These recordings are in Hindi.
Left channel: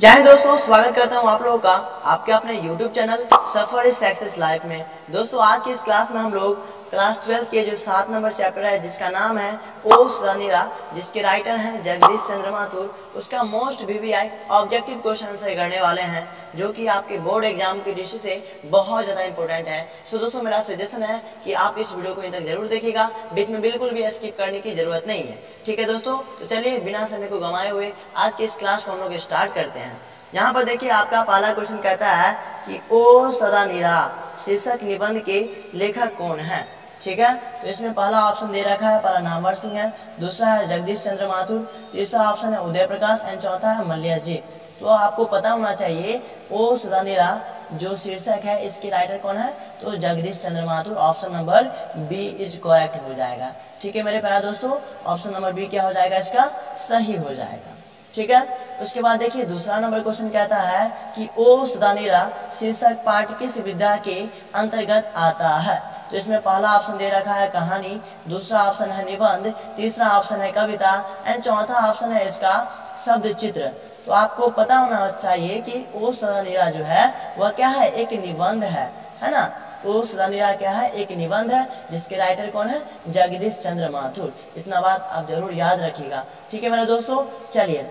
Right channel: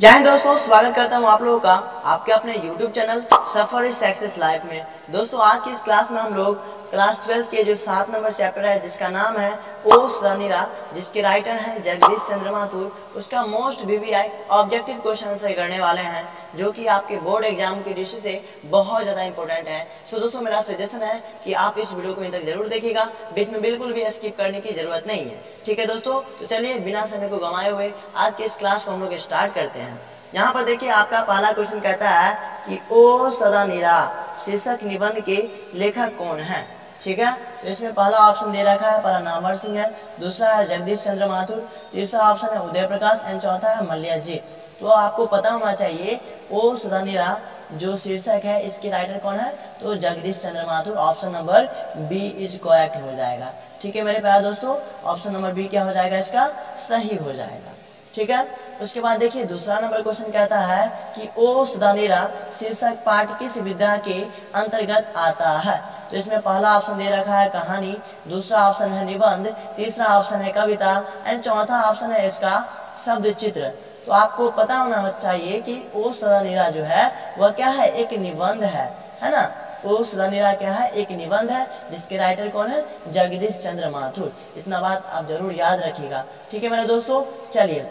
जय हिंद दोस्तों, स्वागत करता हूं आप लोगों का आपके अपने YouTube channel suffer is success life में। दोस्तों आज की इस क्लास में हम लोग क्लास 12 के जो 7 नंबर चैप्टर है जिसका नाम है ओ सदानीरा, जिसके राइटर हैं जगदीश चंद्र माथुर, उसका most VVI objective question answer करने वाले हैं जो कि आपके बोर्ड एग्जाम की दृष्टि से बहुत ज़्यादा इंपॉर्टेंट है। सो दोस्तों मेरा सजेशन है कि आप इस वीडियो को इन तक जरूर देखिएगा, बीच में बिल्कुल भी स्किप करने की जरूरत नहीं है। ठीक है दोस्तों, तो चलिए बिना समय को गंवाए हुए आज के इस क्लास को हम लोग स्टार्ट करते हैं। यहाँ पर देखिए आपका पहला क्वेश्चन कहता है कि ओ सदानीरा शीर्षक निबंध के लेखक कौन है। ठीक है, तो इसमें पहला ऑप्शन दे रखा है, पहला नामवर सिंह है, दूसरा है जगदीश चंद्र माथुर, तीसरा ऑप्शन है उदय प्रकाश एंड चौथा है मल्लिया जी। तो आपको पता होना चाहिए ओ सदानीरा जो शीर्षक है इसके राइटर कौन है, तो Jagdish Chandra Mathur. Option number B is correct हो जाएगा। ठीक है मेरे प्यारे दोस्तों, ऑप्शन नंबर बी क्या हो जाएगा, इसका सही हो जाएगा। ठीक है, उसके बाद देखिए दूसरा नंबर क्वेश्चन कहता है कि ओ सदानीरा शीर्षक पाठ किस विधा के अंतर्गत आता है। तो इसमें पहला ऑप्शन दे रखा है कहानी, दूसरा ऑप्शन है निबंध, तीसरा ऑप्शन है कविता एंड चौथा ऑप्शन है इसका शब्द चित्र। तो आपको पता होना चाहिए कि ओ सदानीरा जो है वह क्या है, एक निबंध है ना। ओ सदानीरा क्या है, एक निबंध है जिसके राइटर कौन है, जगदीश चंद्र माथुर। इतना बात आप जरूर याद रखिएगा। ठीक है मेरे दोस्तों, चलिए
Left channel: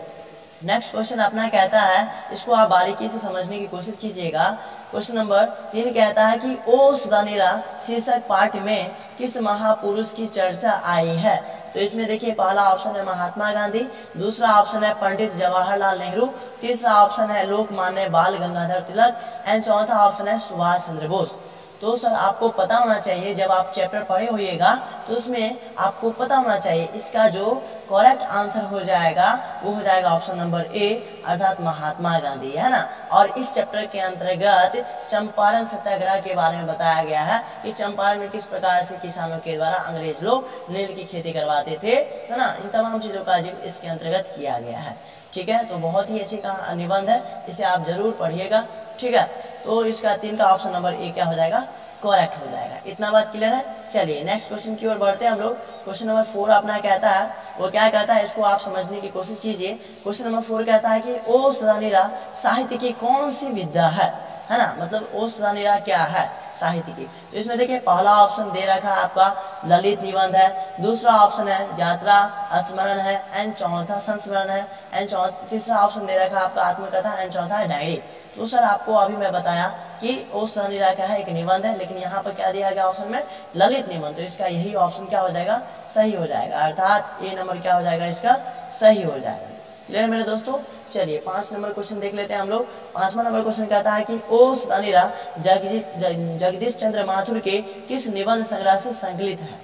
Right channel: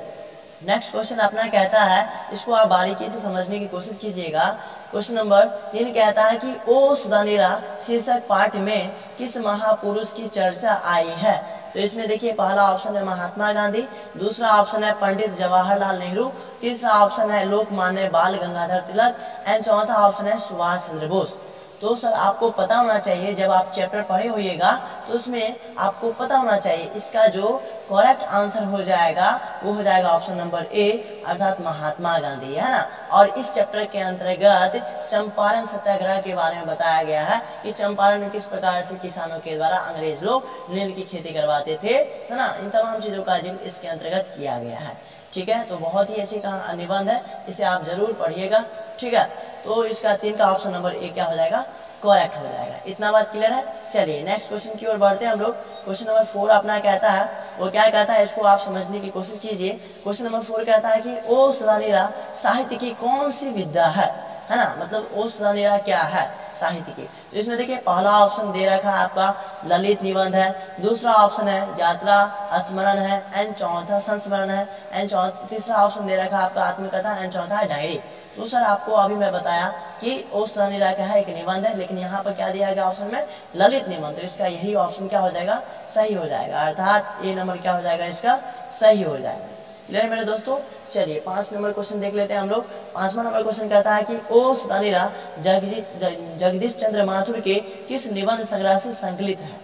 नेक्स्ट क्वेश्चन अपना कहता है, इसको आप बारीकी से समझने की कोशिश कीजिएगा। क्वेश्चन नंबर 3 कहता है कि ओ सदानीरा शीर्षक पाठ में किस महापुरुष की चर्चा आई है। तो इसमें देखिए पहला ऑप्शन है महात्मा गांधी, दूसरा ऑप्शन है पंडित जवाहरलाल नेहरू, तीसरा ऑप्शन है लोकमान्य बाल गंगाधर तिलक एंड चौथा ऑप्शन है सुभाष चंद्र बोस। तो सर आपको पता होना चाहिए, जब आप चैप्टर पढ़े होइएगा तो उसमें आपको पता होना चाहिए इसका जो करेक्ट आंसर हो जाएगा वो हो जाएगा ऑप्शन नंबर ए अर्थात महात्मा गांधी, है ना। और इस चैप्टर के अंतर्गत चंपारण सत्याग्रह के बारे में बताया गया है कि चंपारण में किस प्रकार से किसानों के द्वारा अंग्रेज लोग नील की खेती करवाते थे, है ना। इन तमाम चीजों का जिक्र इसके अंतर्गत किया गया है। ठीक है, तो बहुत ही अच्छी निबंध है, इसे आप जरूर पढ़िएगा। ठीक है, तो इसका 3 का ऑप्शन नंबर ए क्या हो जाएगा, करेक्ट हो जाएगा। इतना बात क्लियर है। चलिए नेक्स्ट क्वेश्चन की ओर बढ़ते हैं हम लोग। क्वेश्चन नंबर 4 अपना कहता है, वो क्या कहता है इसको आप समझने की कोशिश कीजिए। क्वेश्चन नंबर 4 कहता है कि ओ सदानीरा साहित्य की कौन सी विधा है ना। मतलब ओ सदानीरा क्या है, साहित्य की। तो इसमें देखिए पहला ऑप्शन दे रखा है आपका ललित निबंध है, दूसरा ऑप्शन है यात्रा स्मरण है एंड चौथा संस्मरण है एंड तीसरा ऑप्शन दे रखा है आपका आत्मकथा एंड चौथा है डायरी। तो सर आपको अभी मैं बताया कि ओ सदानीरा क्या है, एक निबंध है, लेकिन यहाँ पर क्या दिया गया ऑप्शन में, ललित निबंध। तो इसका यही ऑप्शन क्या हो जाएगा, सही हो जाएगा, अर्थात ए नंबर क्या हो जाएगा, इसका सही हो जाएगा। क्लियर मेरे दोस्तों। चलिए 5 नंबर क्वेश्चन देख लेते हैं हम लोग। 5वां नंबर क्वेश्चन कहता है कि ओ सदानीरा जगदीश चंद्र माथुर के किस निबंध संग्रह से संकलित है।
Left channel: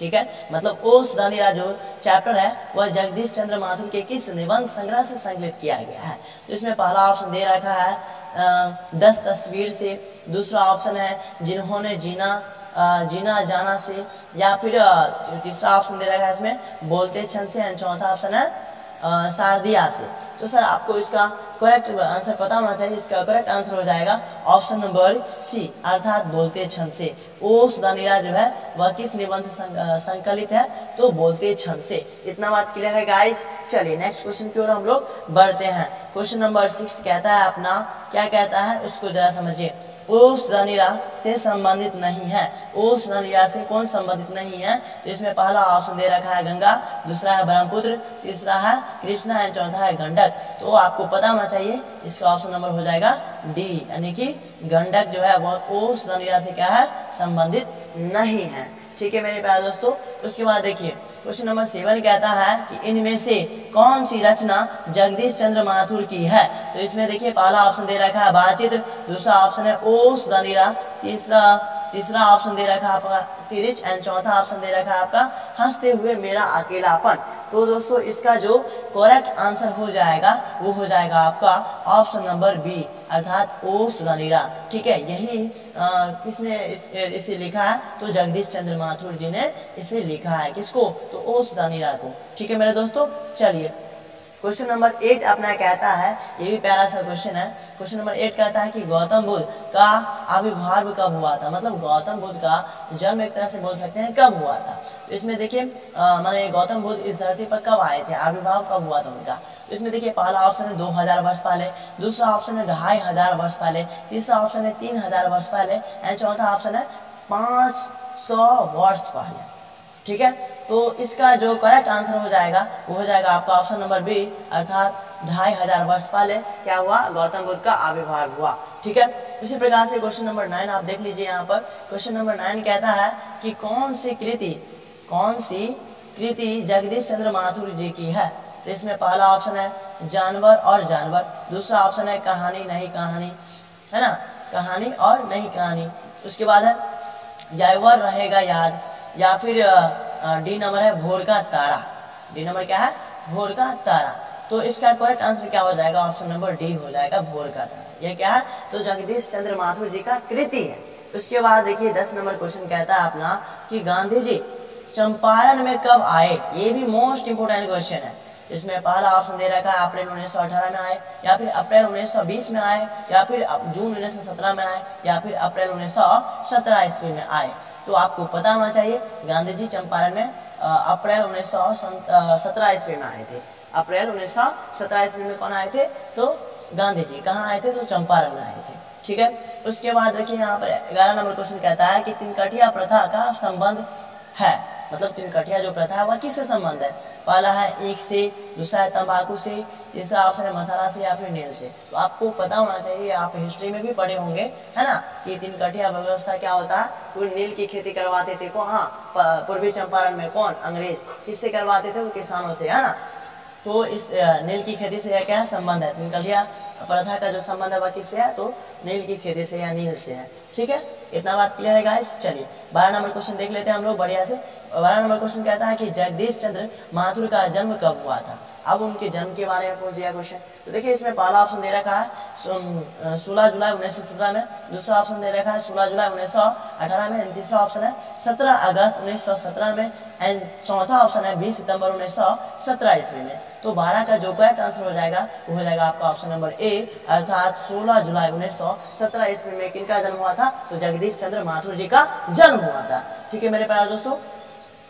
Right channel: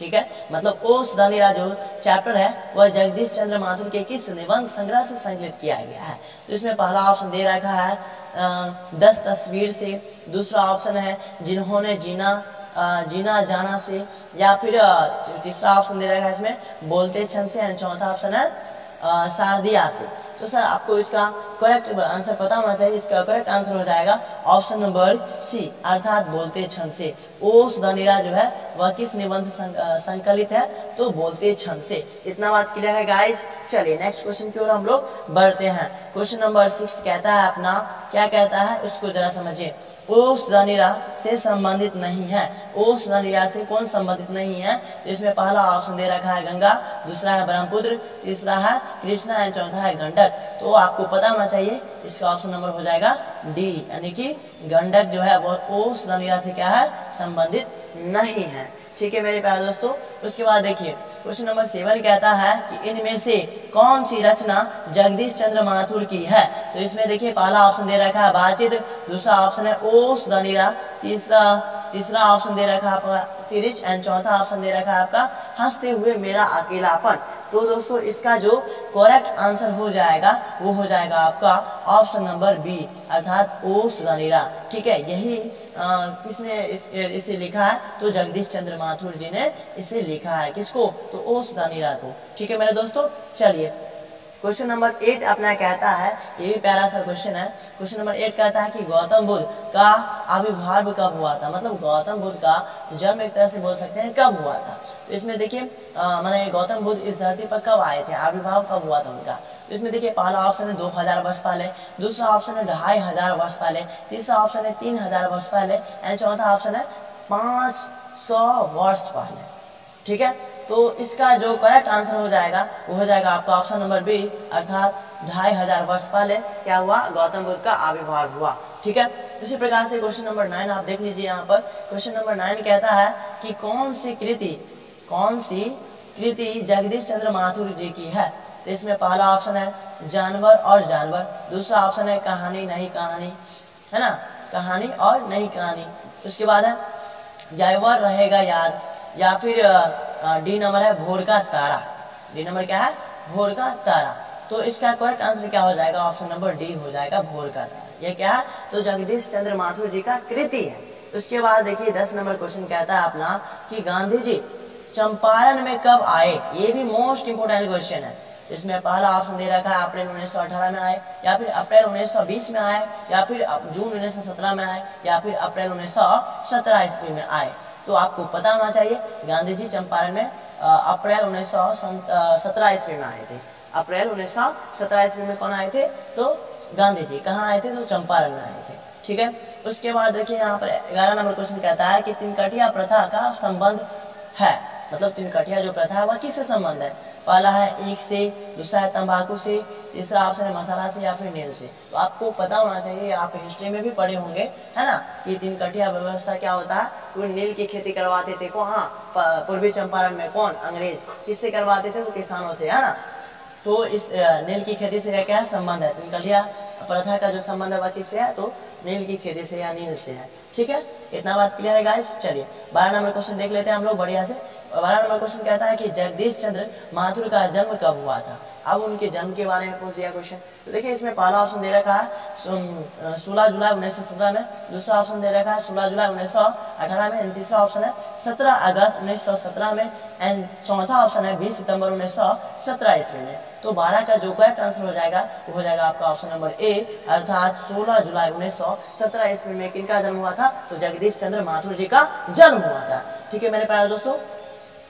ठीक है, मतलब ओ सदानीरा जो चैप्टर है वह जगदीश चंद्र माथुर के किस निबंध संग्रह से संकलित किया गया है। तो इसमें पहला ऑप्शन दे रखा है 10 तस्वीर से, दूसरा ऑप्शन है जिन्होंने जीना जाना से, या फिर तीसरा ऑप्शन दे रखा है इसमें बोलते क्षण से एंड चौथा ऑप्शन है शारदिया से। तो सर आपको इसका करेक्ट आंसर पता होना चाहिए। इसका करेक्ट आंसर हो जाएगा ऑप्शन नंबर सी अर्थात बोलते क्षण से। ओ सदानीरा जो है वह किस निबंध से संकलित है, तो बोलते क्षण से। इतना बात क्लियर है गाइस। चलिए नेक्स्ट क्वेश्चन की ओर हम लोग बढ़ते हैं। क्वेश्चन नंबर 6 कहता है अपना, क्या कहता है उसको जरा समझिए। ओ सदानीरा से संबंधित नहीं है। ओ सदानीरा से कौन संबंधित नहीं है। तो इसमें पहला ऑप्शन दे रखा है गंगा, दूसरा है ब्रह्मपुत्र, तीसरा है कृष्णा एंड चौथा है गंडक। तो आपको पता होना चाहिए इसका ऑप्शन नंबर हो जाएगा डी, यानी कि गंडक जो है वो ओ सदानीरा से क्या है, संबंधित नहीं है। ठीक है मेरे प्यारे दोस्तों। उसके बाद देखिए क्वेश्चन नंबर 7 कहता है कि इनमें से कौन सी रचना जगदीश चंद्र माथुर की है। तो इसमें देखिए पहला ऑप्शन दे रखा है बालचित्र, दूसरा ऑप्शन है ओ सदानीरा, तीसरा ऑप्शन दे रखा है आपका तिरिच एंड चौथा ऑप्शन दे रखा है आपका हंसते हुए मेरा अकेलापन। तो दोस्तों इसका जो करेक्ट आंसर हो जाएगा वो हो जाएगा आपका ऑप्शन नंबर बी अर्थात ओ सदानीरा। ठीक है, यही किसने इसे लिखा है, तो जगदीश चंद्र माथुर जी ने इसे लिखा है। किसको, तो ओ सदानीरा को। ठीक है मेरे दोस्तों। चलिए क्वेश्चन नंबर 8 अपना कहता है, ये भी प्यारा सा क्वेश्चन है। क्वेश्चन नंबर 8 कहता है कि गौतम बुद्ध का आविर्भाव कब हुआ था, मतलब गौतम बुद्ध का जन्म एक तरह से बोल सकते हैं कब हुआ था। तो इसमें देखिए माने गौतम बुद्ध इस धरती पर कब आए थे, आविर्भाव कब हुआ था उनका। तो इसमें देखिए पहला ऑप्शन है 2000 वर्ष पहले, दूसरा ऑप्शन है 2500 वर्ष पहले, तीसरा ऑप्शन है 3000 वर्ष पहले एंड चौथा ऑप्शन है 500 वर्ष पहले। ठीक है, तो इसका जो करेक्ट आंसर हो जाएगा वो हो जाएगा आपका ऑप्शन नंबर बी, अर्थात 2500 वर्ष पहले क्या हुआ, गौतम बुद्ध का आविर्भाव हुआ। ठीक है, इसी प्रकार से क्वेश्चन नंबर 9 आप देख लीजिए। यहाँ पर क्वेश्चन नंबर 9 कहता है कि कौन सी कृति जगदीश चंद्र माथुर जी की है। तो इसमें पहला ऑप्शन है जानवर और जानवर, दूसरा ऑप्शन है कहानी नहीं कहानी, है ना, कहानी और नहीं कहानी। उसके बाद है जानवर रहेगा याद, या फिर डी नंबर है भोर का तारा। डी नंबर क्या है, भोर का तारा। तो इसका करेक्ट आंसर क्या हो जाएगा, ऑप्शन नंबर डी हो जाएगा, भोर का तारा। ये क्या है, तो जगदीश चंद्र माथुर जी का कृति है। उसके बाद देखिए 10 नंबर क्वेश्चन कहता है अपना कि गांधी जी चंपारण में कब आए। ये भी मोस्ट इंपोर्टेंट क्वेश्चन है। इसमें पहला ऑप्शन दे रखा है अप्रैल 1918 में आए, या फिर अप्रैल 1920 में आए, या फिर जून 1917 में आए, या फिर अप्रैल 1917 ईस्वी में आए। तो आपको पता होना चाहिए गांधी जी चंपारण में अप्रैल 1917 ईस्वी में आए थे। अप्रैल 1917 ईस्वी में कौन आए थे, तो गांधी जी कहाँ आए थे, तो चंपारण में आए थे। ठीक है, उसके बाद देखिए यहाँ पर 11 नंबर क्वेश्चन कहता है कि तिनकठिया प्रथा का संबंध है, मतलब तिनकठिया जो प्रथा है वह किससे संबंध है। पहला है ईख से, दूसरा है तंबाकू से, तीसरा ऑप्शन है मसाला से या फिर नील से। तो आपको पता होना चाहिए, आप हिस्ट्री में भी पढ़े होंगे, है ना, कि तिनकठिया व्यवस्था क्या होता है। तो नील की खेती करवाते थे कौन, हाँ, पूर्वी चंपारण में कौन, अंग्रेज। किससे करवाते थे, तो किसानों से, है ना। तो इस नील की खेती से क्या है, संबंध है। तिनकठिया प्रथा का जो संबंध है वह किससे है, तो नील की खेती से या नील से है। ठीक है, इतना बात क्लियर है गाइस। चलिए 12 नंबर क्वेश्चन देख लेते हैं हम लोग बढ़िया से। 12 नंबर क्वेश्चन कहता है कि जगदीश चंद्र माथुर का जन्म कब हुआ था। अब उनके जन्म के बारे में पूछ दिया क्वेश्चन। तो देखिए इसमें पहला ऑप्शन दे रखा है 16 जुलाई 1917 में, दूसरा ऑप्शन दे रखा है 16 जुलाई 1918 में, तीसरा ऑप्शन है 17 अगस्त 1917 में एंड चौथा ऑप्शन है 20 सितंबर 1917 ईस्वी में। तो 12 का जो करेक्ट आंसर हो जाएगा वो हो जाएगा आपका ऑप्शन नंबर ए, अर्थात 16 जुलाई 1917 ईस्वी में किनका जन्म हुआ था, तो जगदीश चंद्र माथुर जी का जन्म हुआ था। ठीक है मेरे प्यारे दोस्तों।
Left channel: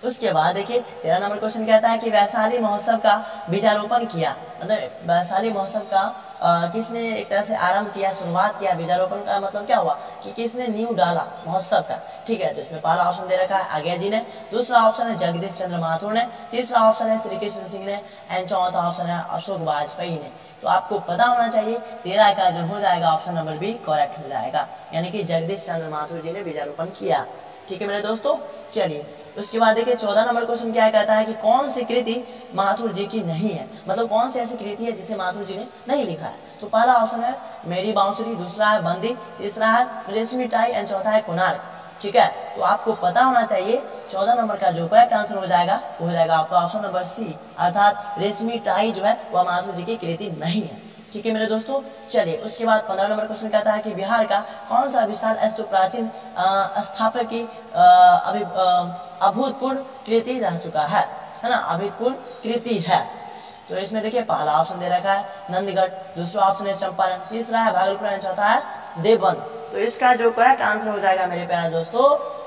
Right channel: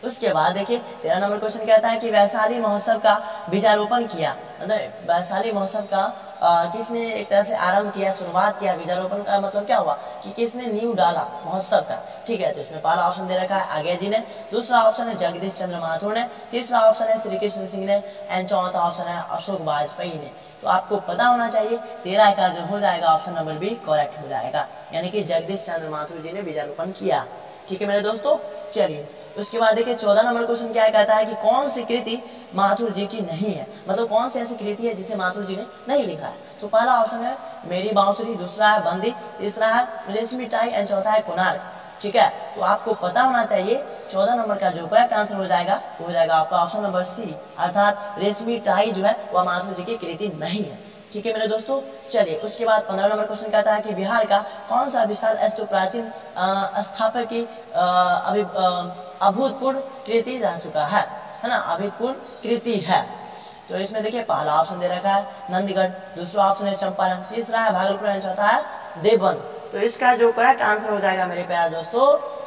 उसके बाद देखिए 13 नंबर क्वेश्चन कहता है कि वैशाली महोत्सव का बीजारोपण किया, मतलब वैशाली महोत्सव का किसने एक तरह से आरंभ किया, शुरुआत किया। बीजारोपण का मतलब क्या हुआ कि किसने नींव डाला महोत्सव का। ठीक है, तो इसमें पहला ऑप्शन दे रखा है आज्ञा जी ने, दूसरा ऑप्शन है जगदीश चंद्र माथुर ने, तीसरा ऑप्शन है श्री कृष्ण सिंह ने एंड चौथा ऑप्शन है अशोक वाजपेयी ने। तो आपको पता होना चाहिए 13 का जो हो जाएगा ऑप्शन नंबर बी करेक्ट हो जाएगा, यानी कि जगदीश चंद्र माथुर जी ने बीजारोपण किया। ठीक है मेरे दोस्तों। चलिए उसके बाद देखिए 14 नंबर क्वेश्चन क्या कहता है कि कौन सी कृति माथुर जी की नहीं है, मतलब कौन सी ऐसी कृति है जिसे माथुर जी ने नहीं लिखा है। तो पहला ऑप्शन है मेरी बांसुरी, दूसरा है बंदी, तीसरा है रेशमी टाई एंड चौथा है कोणार्क। ठीक है, तो आपको पता होना चाहिए 14 नंबर का जो करेक्ट आंसर हो जाएगा वो हो जाएगा आपका ऑप्शन नंबर सी, अर्थात रेशमी टाई जो है वह माथुर जी की कृति नहीं है। ठीक है मेरे दोस्तों। चलिए उसके बाद 15 नंबर क्वेश्चन कहता है कि बिहार का कौन सा विशाल अस्तु प्राचीन स्थापक की अभूतपूर्व कृति रह चुका है ना, अभूतपूर्व कृति है। तो इसमें देखिए पहला ऑप्शन दे रखा है नंदगढ़, दूसरा ऑप्शन है चंपारण, तीसरा है भागलपुर एंड चौथा है देवबंद। तो इसका जो करेक्ट आंसर हो जाएगा मेरे प्यारे दोस्तों,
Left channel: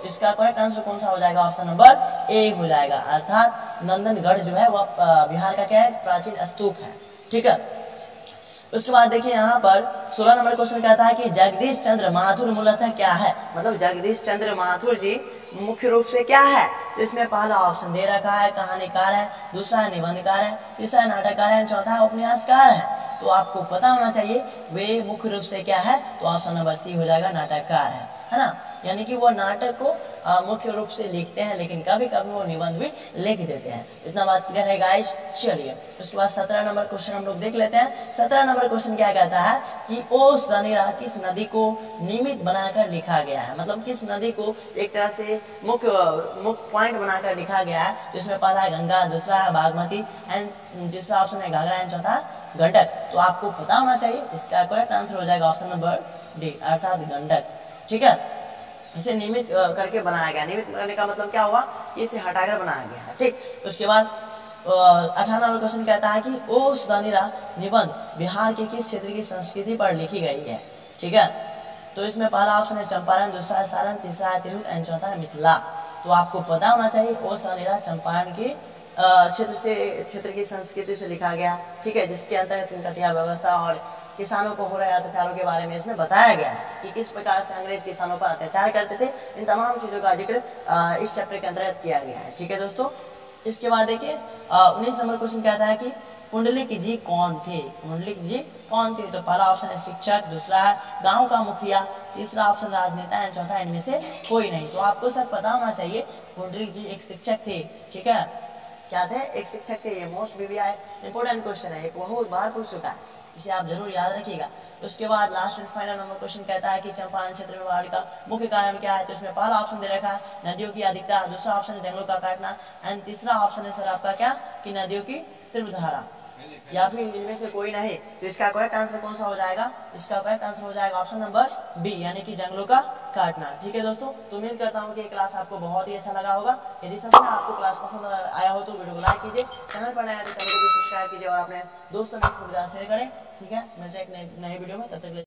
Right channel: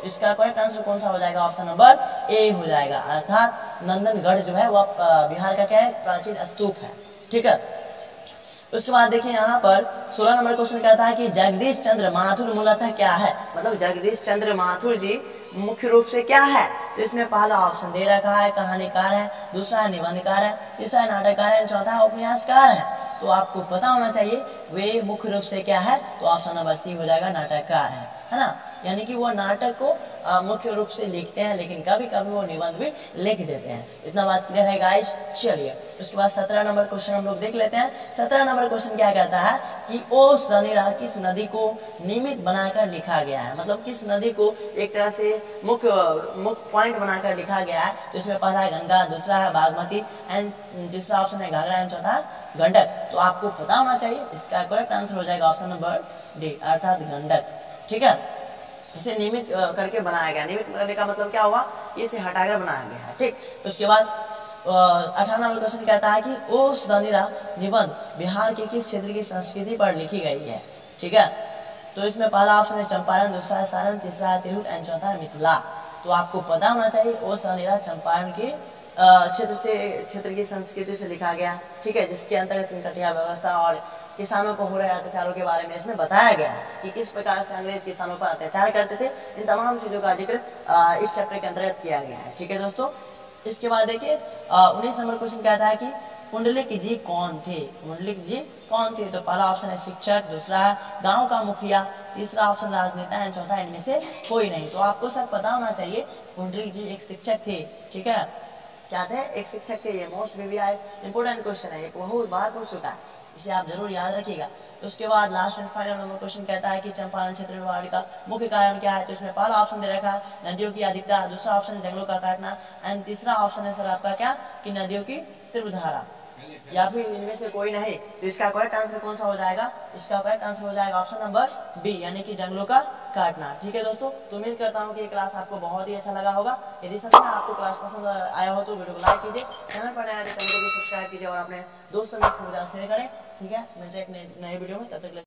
इसका करेक्ट आंसर कौन सा हो जाएगा, ऑप्शन नंबर ए हो जाएगा, अर्थात नंदनगढ़ जो है वह बिहार का क्या है, प्राचीन स्तूप है। ठीक है, उसके बाद देखिए यहाँ पर 16 नंबर क्वेश्चन कहता है कि जगदीश चंद्र माथुर मूलतः क्या है, मतलब जगदीश चंद्र माथुर जी मुख्य रूप से क्या है। तो इसमें पहला ऑप्शन दे रखा है कहानीकार है, दूसरा है निबंधकार है, तीसरा है नाटककार है, चौथा है उपन्यासकार है। तो आपको पता होना चाहिए वे मुख्य रूप से क्या है, तो ऑप्शन नंबर सी हो जाएगा, नाटककार है ना, यानी कि वो नाटक को मुख्य रूप से लिखते हैं, लेकिन कभी कभी वो निबंध भी लिख देते हैं। इतना बात क्लियर है गाइस। चलिए उसके बाद 17 नंबर क्वेश्चन हम लोग देख लेते हैं। 17 नंबर क्वेश्चन क्या कहता है कि ओस रनीरा किस नदी को निमित्त बनाकर लिखा गया है, मतलब किस नदी को एक तरह से मुख्य पॉइंट बनाकर लिखा गया है। तो इसमें पहला है गंगा, दूसरा है बागमती एंड तीसरा ऑप्शन है घाघरा एंड चौथा गंडक। तो आपको पता होना चाहिए इसका करेक्ट आंसर हो जाएगा ऑप्शन नंबर डी, अर्थात गंडक। ठीक है, इसे नियमित करके बनाया गया। नियमित करने का मतलब क्या हुआ, इसे हटाकर बनाया गया है। ठीक, उसके बाद 18 नंबर क्वेश्चन कहता है कि ओ सुधानीरा निबंध बिहार के किस क्षेत्र की संस्कृति पर लिखी गई है। ठीक है, तो इसमें पहला ऑप्शन है चंपारण, दूसरा है सारण, तीसरा है तिरहुत एंड चौथा है मिथिला। तो आपको पता होना चाहिए ओ सुधानीरा चंपारण की क्षेत्र की संस्कृति से लिखा गया। ठीक है, जिसके अंतर्गत कटिया व्यवस्था और किसानों को हो रहे अत्याचारों के बारे में इसमें बताया गया है कि किस प्रकार से अंग्रेज किसानों पर अत्याचार करते थे। इन तमाम चीजों का जिक्र इस चैप्टर के अंतर्गत किया गया है। ठीक है दोस्तों, इसके बाद देखिए 19 नंबर क्वेश्चन कहता है कि पुंडलिक जी कौन थे। पुंडलिक जी कौन थे? तो पहला ऑप्शन है शिक्षक, दूसरा है गांव का मुखिया, तीसरा ऑप्शन राजनेता एंड चौथा इनमें से कोई नहीं। तो आपको सब पता होना चाहिए पुंडलिक जी एक शिक्षक थे। ठीक है, क्या थे? एक शिक्षक थे। ये मोस्ट VVI इंपोर्टेंट क्वेश्चन है, ये बहुत बार पूछ चुका है, इसे आप जरूर याद रखिएगा। उसके बाद last and final number question कहता है कि चंपारण क्षेत्र में बाढ़ का मुख्य कारण क्या है। तो इसमें पहला ऑप्शन दे रखा है नदियों की अधिकता, दूसरा ऑप्शन है जंगलों का काटना एंड तीसरा ऑप्शन है सर आपका क्या कि नदियों की तीव्र धारा, या फिर इनमें से कोई नहीं। तो इसका करेक्ट आंसर कौन सा हो जाएगा? इसका करेक्ट आंसर हो जाएगा ऑप्शन नंबर बी, यानी कि जंगलों का काटना। ठीक है दोस्तों, तो उम्मीद करता हूँ कि ये क्लास आपको बहुत ही अच्छा लगा होगा। यदि सच में आपको क्लास पसंद आया हो तो वीडियो को लाइक कीजिए, चैनल पर नया है तो चैनल को भी सब्सक्राइब कीजिए और अपने दोस्तों में खूब ज़्यादा शेयर करें। ठीक है, मिलते हैं एक नए वीडियो में, तब तक